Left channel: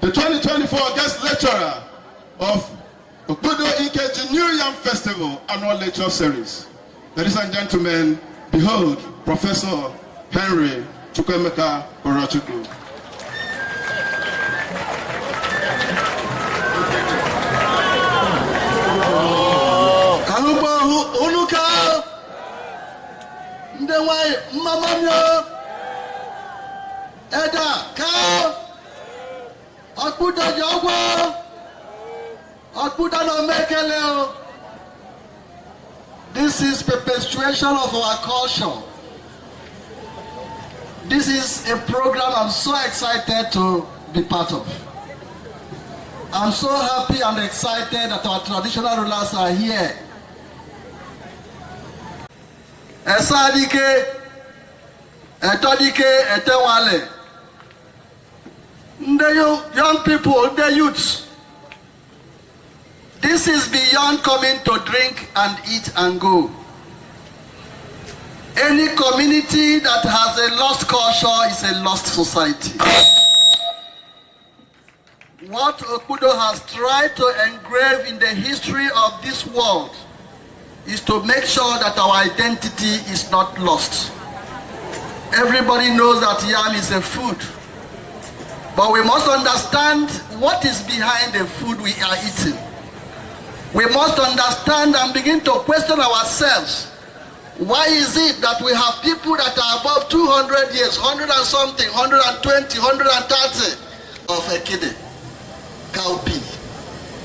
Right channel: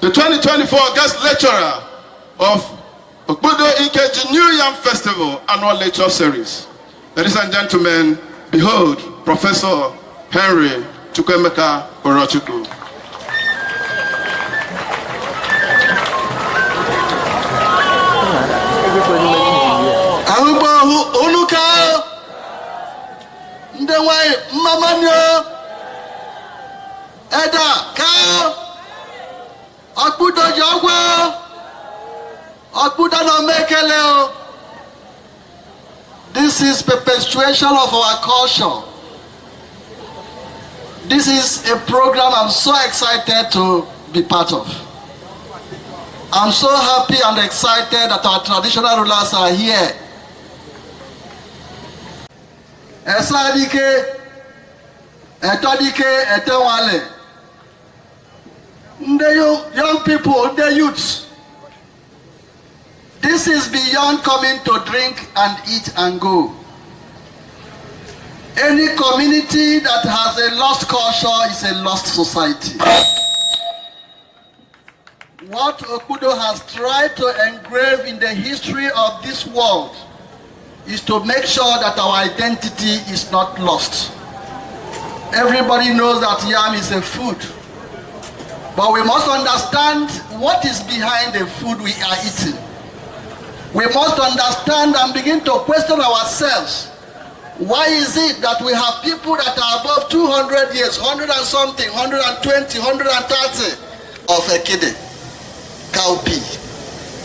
the 2024 guest lecturer of Okpudo Ikeji New Yam Festival Annual Lecture Series. Ladies and gentlemen, behold Professor Henry Chukwuemeka Uro-Chukwu. Edda, Okpudo Ikeji, Okpudo no mekele. This is perpetuation of our culture. This is a program I'm so excited to be part of. I'm so happy and excited that our traditional rulers are here. Esadike, Etodike, Etewale. The young people, the youths. This is beyond coming to drink and eat and go. Any community that has a lost culture is a lost society. What Okpudo has tried to engrave in the history of this world is to make sure that our identity is not lost. Everybody knows that yam is a food. But we must understand what is behind the food we are eating. We must understand and begin to question ourselves. Why is it that we have people that are above 200 years, 100 and something, 120, 130 of a kidney, cowpea?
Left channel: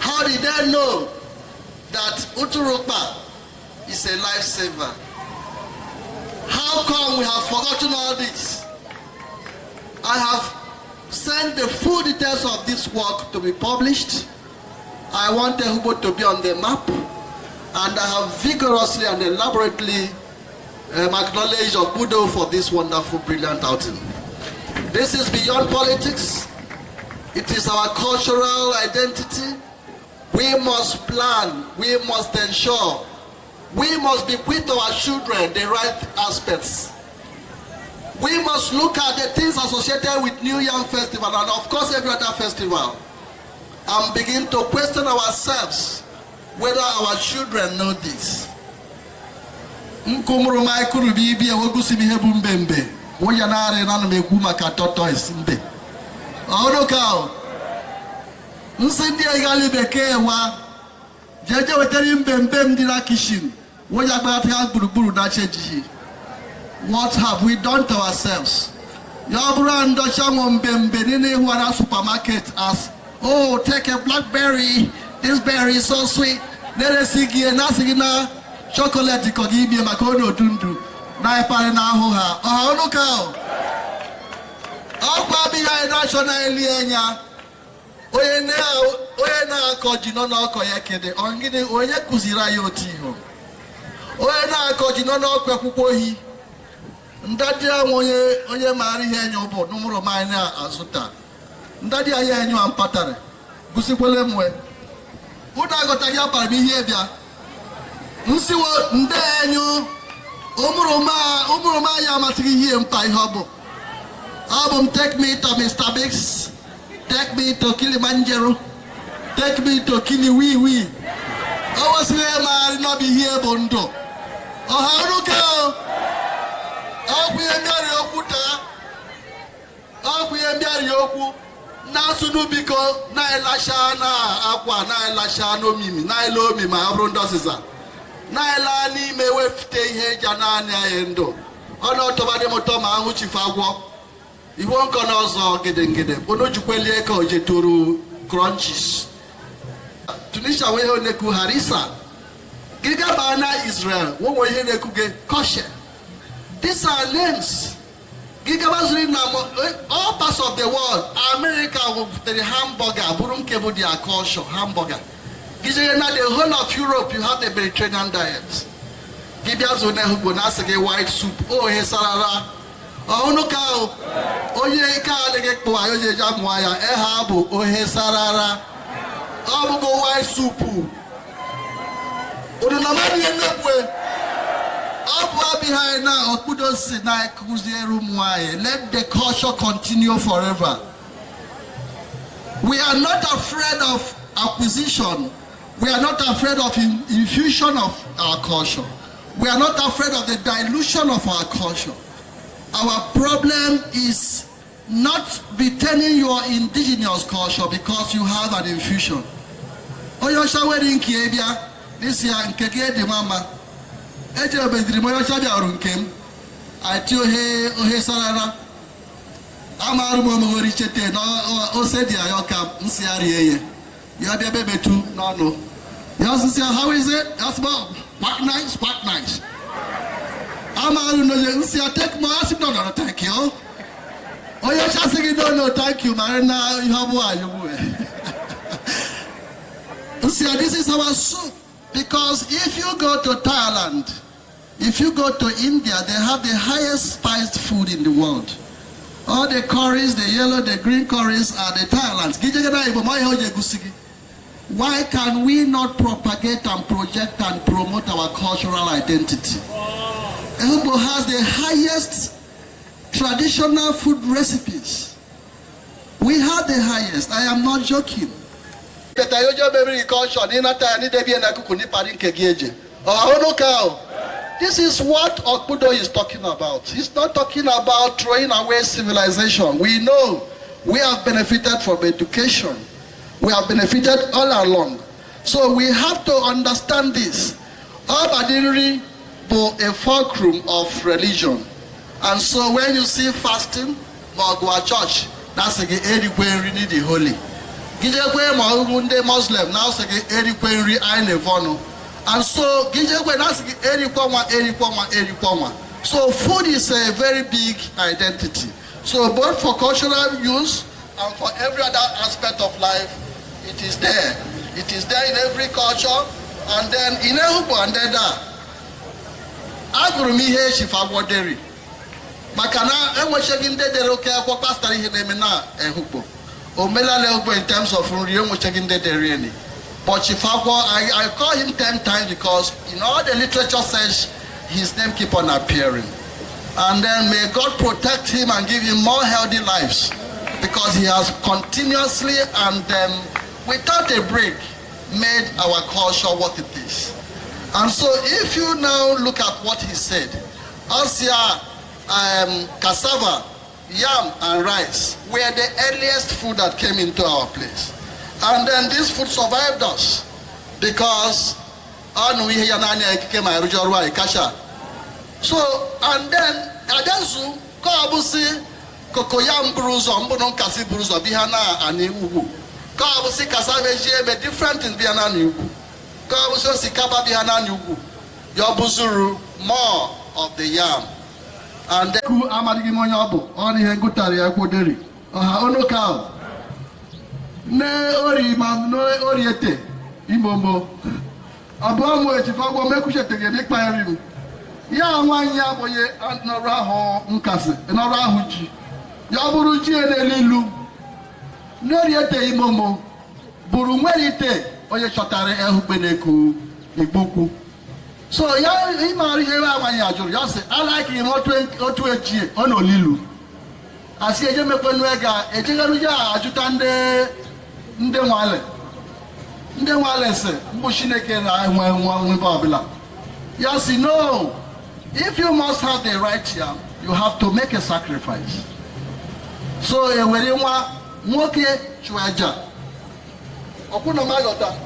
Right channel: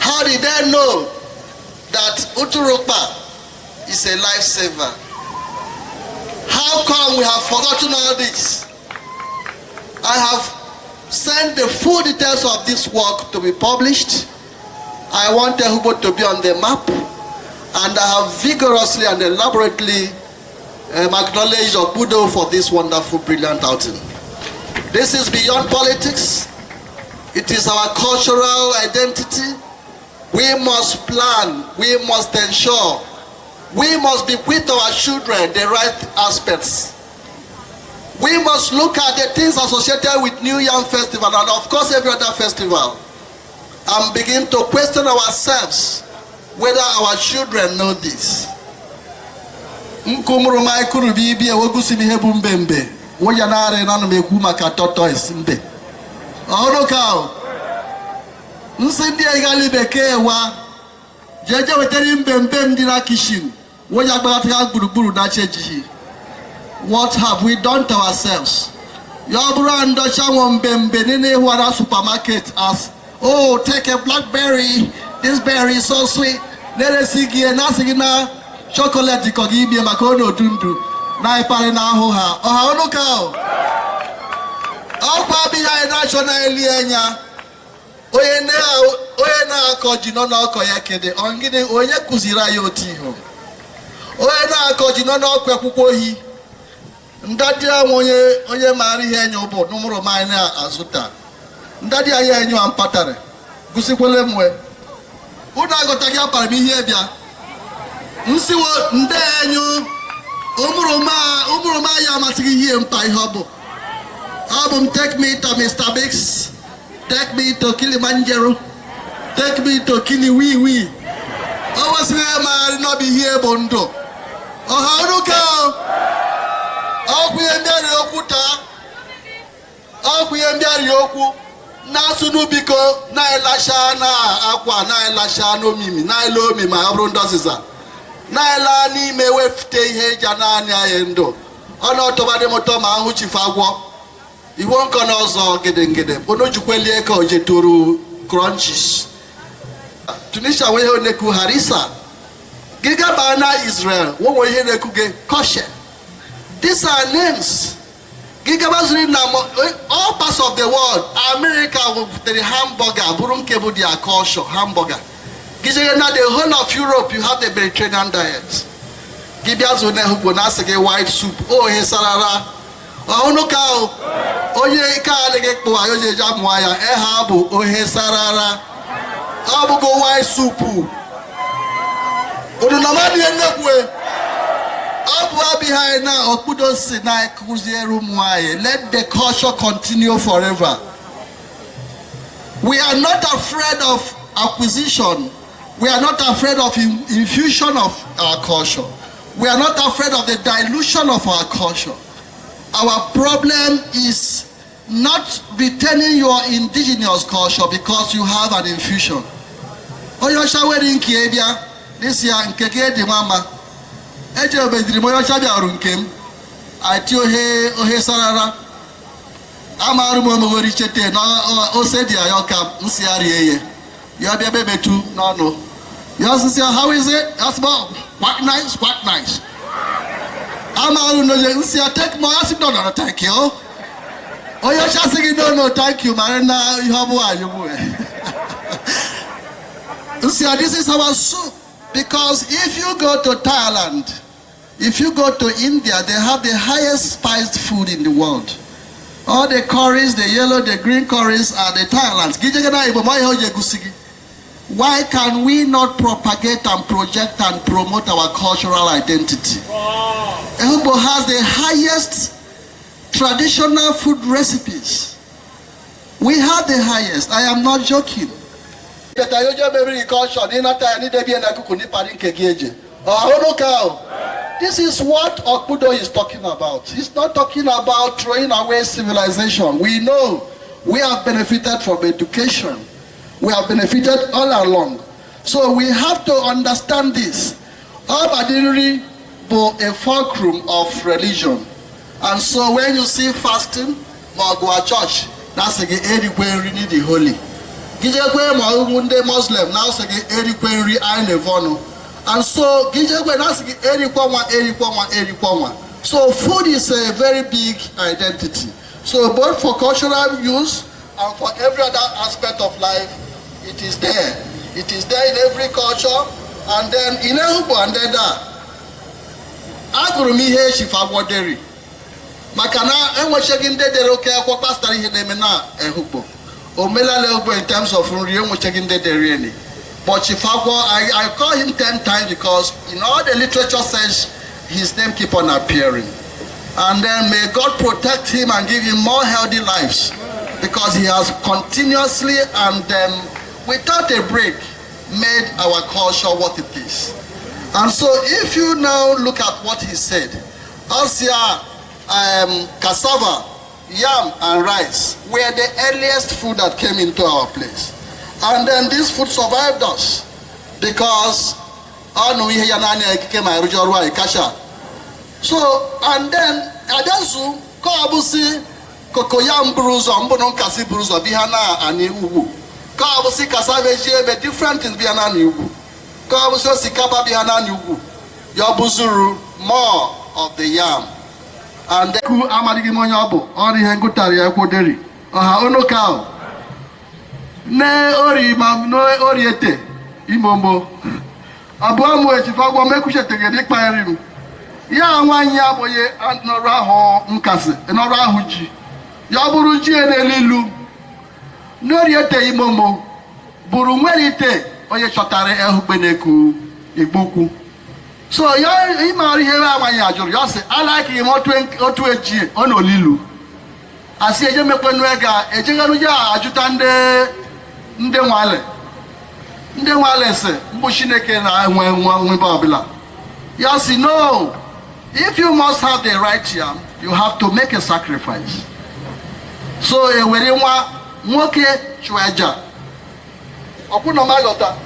How did they know that Uro-Chukwu is a lifesaver? How come we have forgotten all this? I have sent the full details of this work to be published. I want Okpudo to be on the map, and I have vigorously and elaborately acknowledged Okpudo for this wonderful, brilliant outing. This is beyond politics. It is our cultural identity. We must plan, we must ensure, we must be with our children the right aspects. We must look at the things associated with New Yam Festival and of course every other festival and begin to question ourselves whether our children know this. What have we done to ourselves? Supermarket as, oh, take a blackberry, this berry is so sweet. Let us see chocolate give makono dundu. Na ipare na hoha. Oh, no cow. Oh, baby, I national enya. Oye na koji no na koyekede. Ongide oye kuzira yoti ho. Oye na koji no na kwekukohi. Ndadi onye mari ihe enyo bo numero mine azuta. Ndadi aye enyo ampatare. Gusikwele mwe. Uda gota gya par mi hie bia. Nsiwo nde enyo umuro ma ya matigi hie mpa ihe obo. Album take me to Mr. Biggs. Take me to Kilimanjaro. Take me to Kiliwiwi. I was here man no be here bondo. Oh how do Okwu na sunubiko na elasha na akwa na elasha no mimi na elo mi ma abru ndosiza na ela ni me wefute ihe ja na anya yendo ona otobade moto ma ahu chifagwo iwo nko na ozo gedengede ono jukwelie ka ojeturu crunches Tunisia we he neku harisa giga bana Israel wo he neku ge kosher. These are names. All parts of the world, America with the hamburger, Burunkebu their culture, hamburger. The whole of Europe, you have the Mediterranean diet. White soup. Oh, he sarara. Oh, no cow. Oh, ye can't go. I jamwaya. Ehabu. Oh, he sarara. Abu go white soup. Oh, the nomadi and the behind now, Okpudo Sinai Kuzie Rumwaye. Let the culture continue forever. We are not afraid of acquisition. We are not afraid of infusion of our culture. We are not afraid of the dilution of our culture. Our problem is not retaining your indigenous culture because you have an infusion. Oyosha wedding kiebia this year in Keke de Mama. Ejo bedri moyosha bia runkem. Atio he sarara. Amaru mo wori chete no o said ya yoka nsiari eye. You be bebe too no. You say how is it? That's about quite nice, quite nice. Amaru no say take my acid no thank you. Oh you just say no thank you man now you have one you see this is our soup because if you go to Thailand, if you go to India, they have the highest spiced food in the world. All the curries, the yellow, the green curries are the Thailands. Why can we not propagate and project and promote our cultural identity? Ehugbo has the highest traditional food recipes. We have the highest. I am not joking. This is what Okpudo is talking about. He's not talking about throwing away civilization. We know we have benefited from education. We have benefited all along. So we have to understand this. Abadinri is a fulcrum of religion. And so when you see fasting, Magua Church, that's the the holy. Gijekwe Muslim, now say Erikwe Ainevono. And so Gijekwe that's Erikwa. So food is a very big identity. So both for cultural use and for every other aspect of life, it is there. It is there in every culture. And then in Okpudo and Edda, Agurumihe Shifagwaderi. Makana enwechegin dedere oke akwa pastor ihe na-eme na Okpudo. Omela Okpudo in terms of nri enwechegin dedere any. But Chifagwo, I call him 10 times because in all the literature says his name keep on appearing. And then may God protect him and give him more healthy lives because he has continuously and without a break made our culture what it is. And so if you now look at what he said, Asia, cassava, yam and rice were the earliest food that came into our place. And then this food survived us because so and then Adansu Kabusi Kokoyam Bruzo Mbonon Kasi Bruzo Bihana and Ubu Kabusi Kasaveji be different in Bihana Ubu Kabusi Sikaba Bihana Ubu Yabuzuru more of the yam and then Ku Amadigi Monyabo Ori Hengutari Akoderi Aha Ono Cow Ne Ori Mam No Oriete Imombo Abuamu Echifagwa Mekushe Tegedi Kpairim Ya nwanya boye nọrọ ahụ nkasị nọrọ ahụ ji ya bụrụ ji n'elilu n'oriete imomo bụrụ nwere ite onye chọtara ehugbe n'eku igbukwu so ya ịmara ihe nwanya ajụrụ ya sị alaki m otu eji ọ n'olilu asị eje mekwenu ega ejegharu ya ajụta ndị nwale sị mbụ Chineke na-enwe nwebe ọbụla ya sị no. If you must have the right yam, you have to make a sacrifice. So eweriwa nwoke chweja. Okuno magota.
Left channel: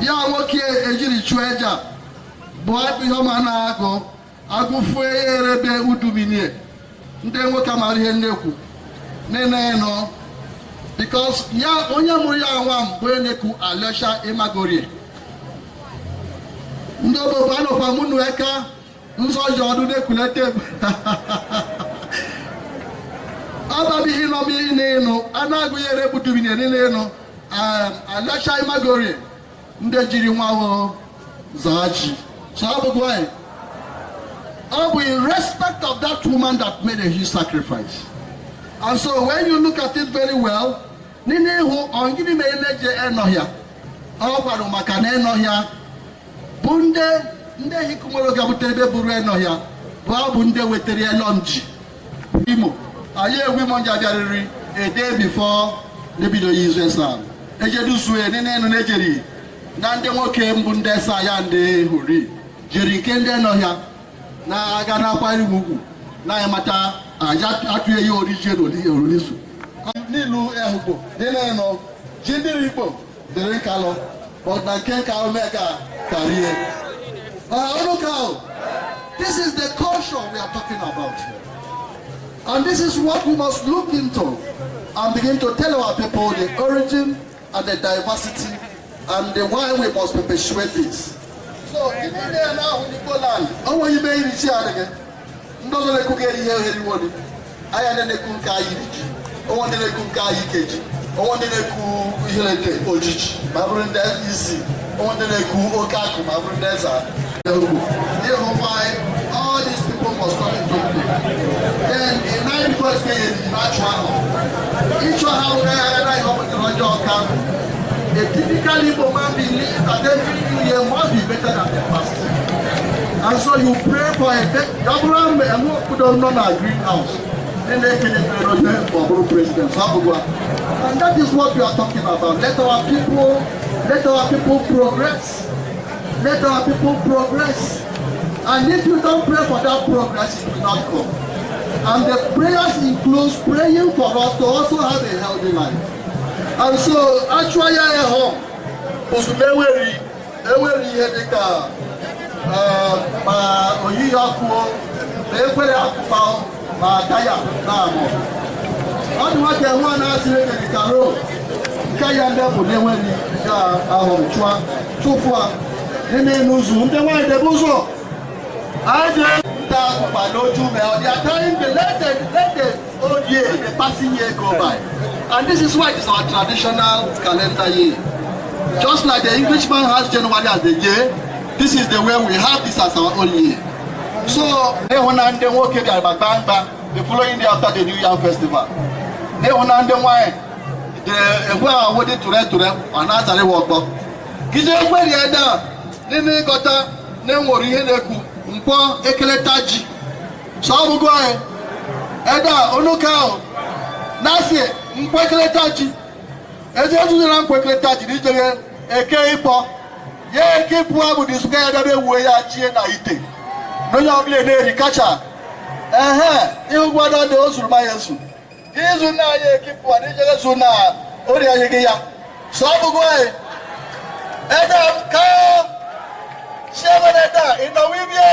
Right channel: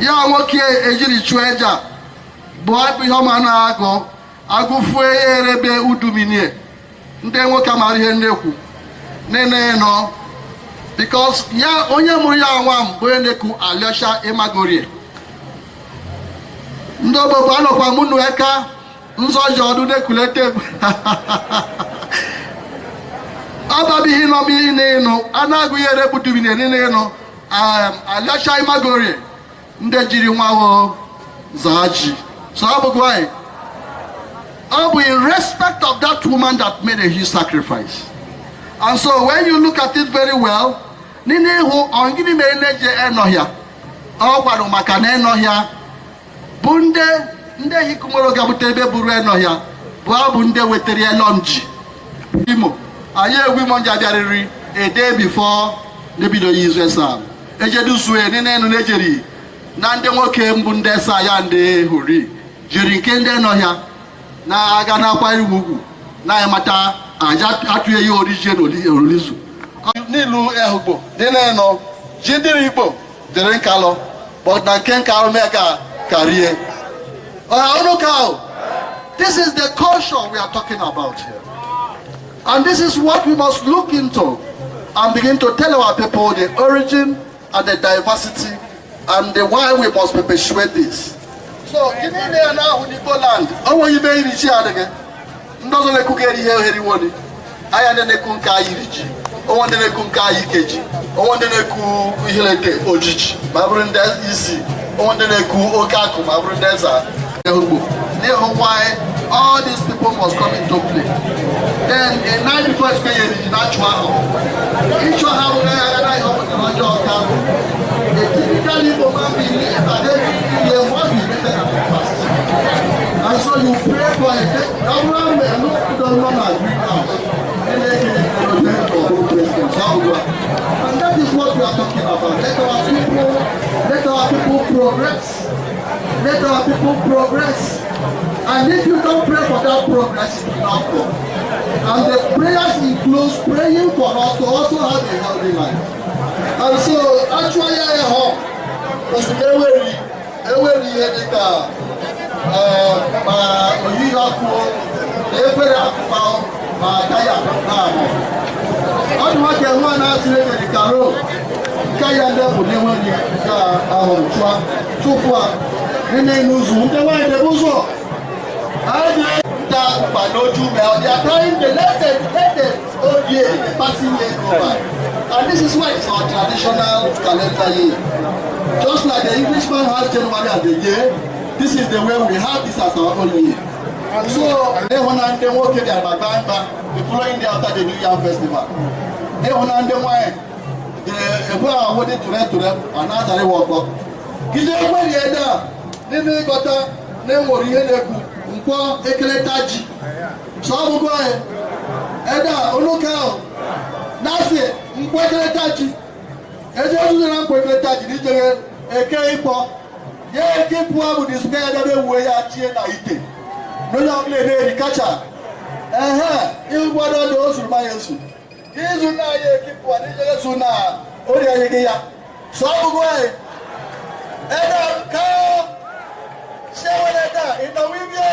Ya nwoke ejiri chweja. Bo abu yoma na ago. Agufue erebe uduminie. Nde nwoke amari ihe nnekwu. Nene no. Because ya onye muru ya nwam bo eneku Alyosha Imagorie. Ndo bo anokwa munu eka. Nso jodu de kulete Ababi hino mi neno anagu yere budubine neno Alyosha Imagorie nde jiri nwawo zaji so abugwai abu in respect of that woman that made a huge sacrifice. And so when you look at it very well nini hu ongini me neje enohia ogwaro maka na enohia bunde nde hikumoro gabutebe buru enohia bụ nde wetere elonji imo aye egwi monja biariri a day before Nebido Yizwesa. Ejedu Sue, Nene Nejeri, Nande Woke Mbundesa Yande Huri, Jerinkende Noya, Na Agana Kwai Wugu, Na Yamata, Atuye origin Olisu. Nilu Ehubo, Deneno, Jindiribo, Derenkalo, but Nanken Kalo Mega career. This is the culture we are talking about here. And this is what we must look into and begin to tell our people the origin and the diversity and the why we must perpetuate this. So, in there now, when you go land, I want you to be again. Ndozo le kugeri heri woni. Aya ne kunka yiriji. O wonde ne kunka Ikeji. O wonde ne ku ihileke ojiji. Mabrunde isi. O wonde ne ku okaku mabrunde za. They know why all these people must come into play. Then a night before it's going to natural. Each one have a typically Igbo man believe that every year must be better than the past. And so you pray for a government and Okpudo non greenhouse. And they can for president. And that is what we are talking about. Let our people progress. Let our people progress. And if you don't pray for that progress, it will not come. And the prayers includes praying for us to also have a healthy life. And so, actually, they are trying to let the old year, the passing year go by. And this is why it's our traditional calendar year. Just like the Englishman has January as the year, this is the way we have this as our own year. So, they want to work the following day after the New Year Festival. They want to why they are waiting to them and answer the work. Chukwuemeka Edda, they got them worry Mpo Ekeletaji. So go ahead. Edda Onokao. Nasi Mpo Ekeletaji. Ejeju na Mpo Ekeletaji ni jere eke ipo. Ye eke ipo abu disuka ya dabe uwe ya chie na ite. No ya obile ne rikacha. Ihu gwada de osuru ma Yesu. Izu na ye eke ipo ni jere su na ori ayege ya. So go ahead. Edda kao. Sheweleta inawibye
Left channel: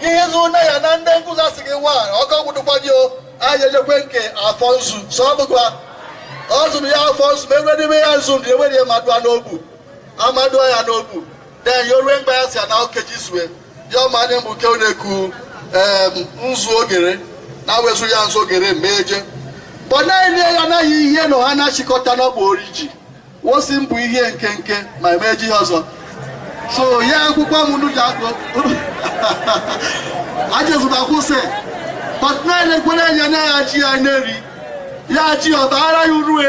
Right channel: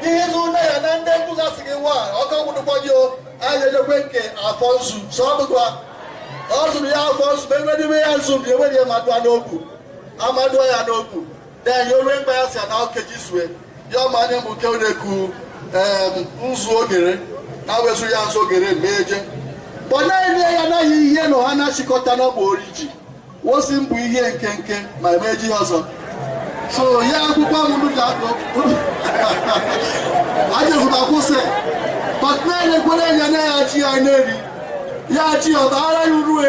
gihizu na ya na nde nkuza sigewa oko gudufagio ayeye kwenke afonsu sobugwa ozu ya afonsu bewedi me yanzu de wedi amadu anobu amadu ya anobu then yo remember ya na okejiswe yo mane mbuke oneku nzu ogere na wezu ya nzu ogere meje bona ile ya na yiye no hana shikota no bo oriji wo simbu ihe nkenke ma meji hozo. So yeah, I just want to say, but when they go in the Yaji or Tara Uru,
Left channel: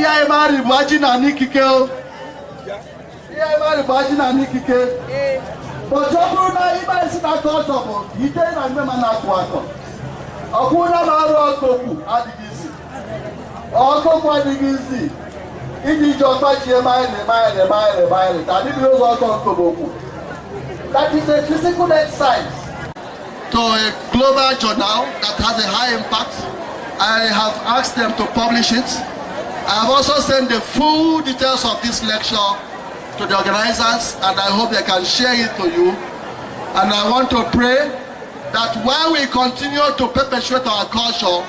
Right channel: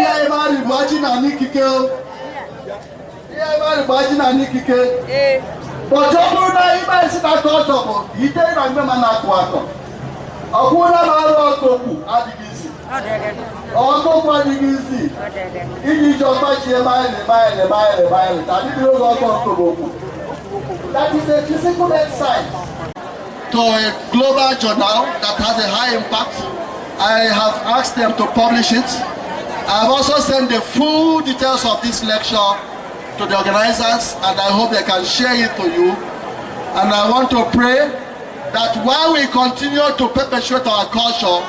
I married Vagina Nikike. I married Vagina Nikike. But Jobuna, if I sit at all, he didn't remember that water. Akuna Maro Koku, Adigisi. Ọkọ̀ Adigisi. If just fight a mile. And if you go that is a physical exercise. To a global journal that has a high impact, I have asked them to publish it. I have also sent the full details of this lecture to the organizers, and I hope they can share it to you. And I want to pray that while we continue to perpetuate our culture,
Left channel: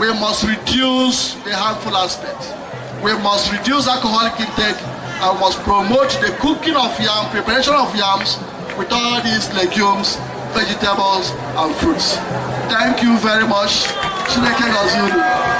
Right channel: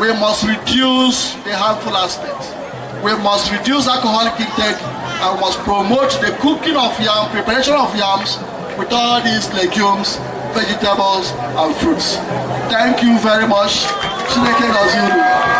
we must reduce the harmful aspects. We must reduce alcoholic intake and we must promote the cooking of yam, preparation of yams with all these legumes, vegetables and fruits. Thank you very much. Chineke Gozulu.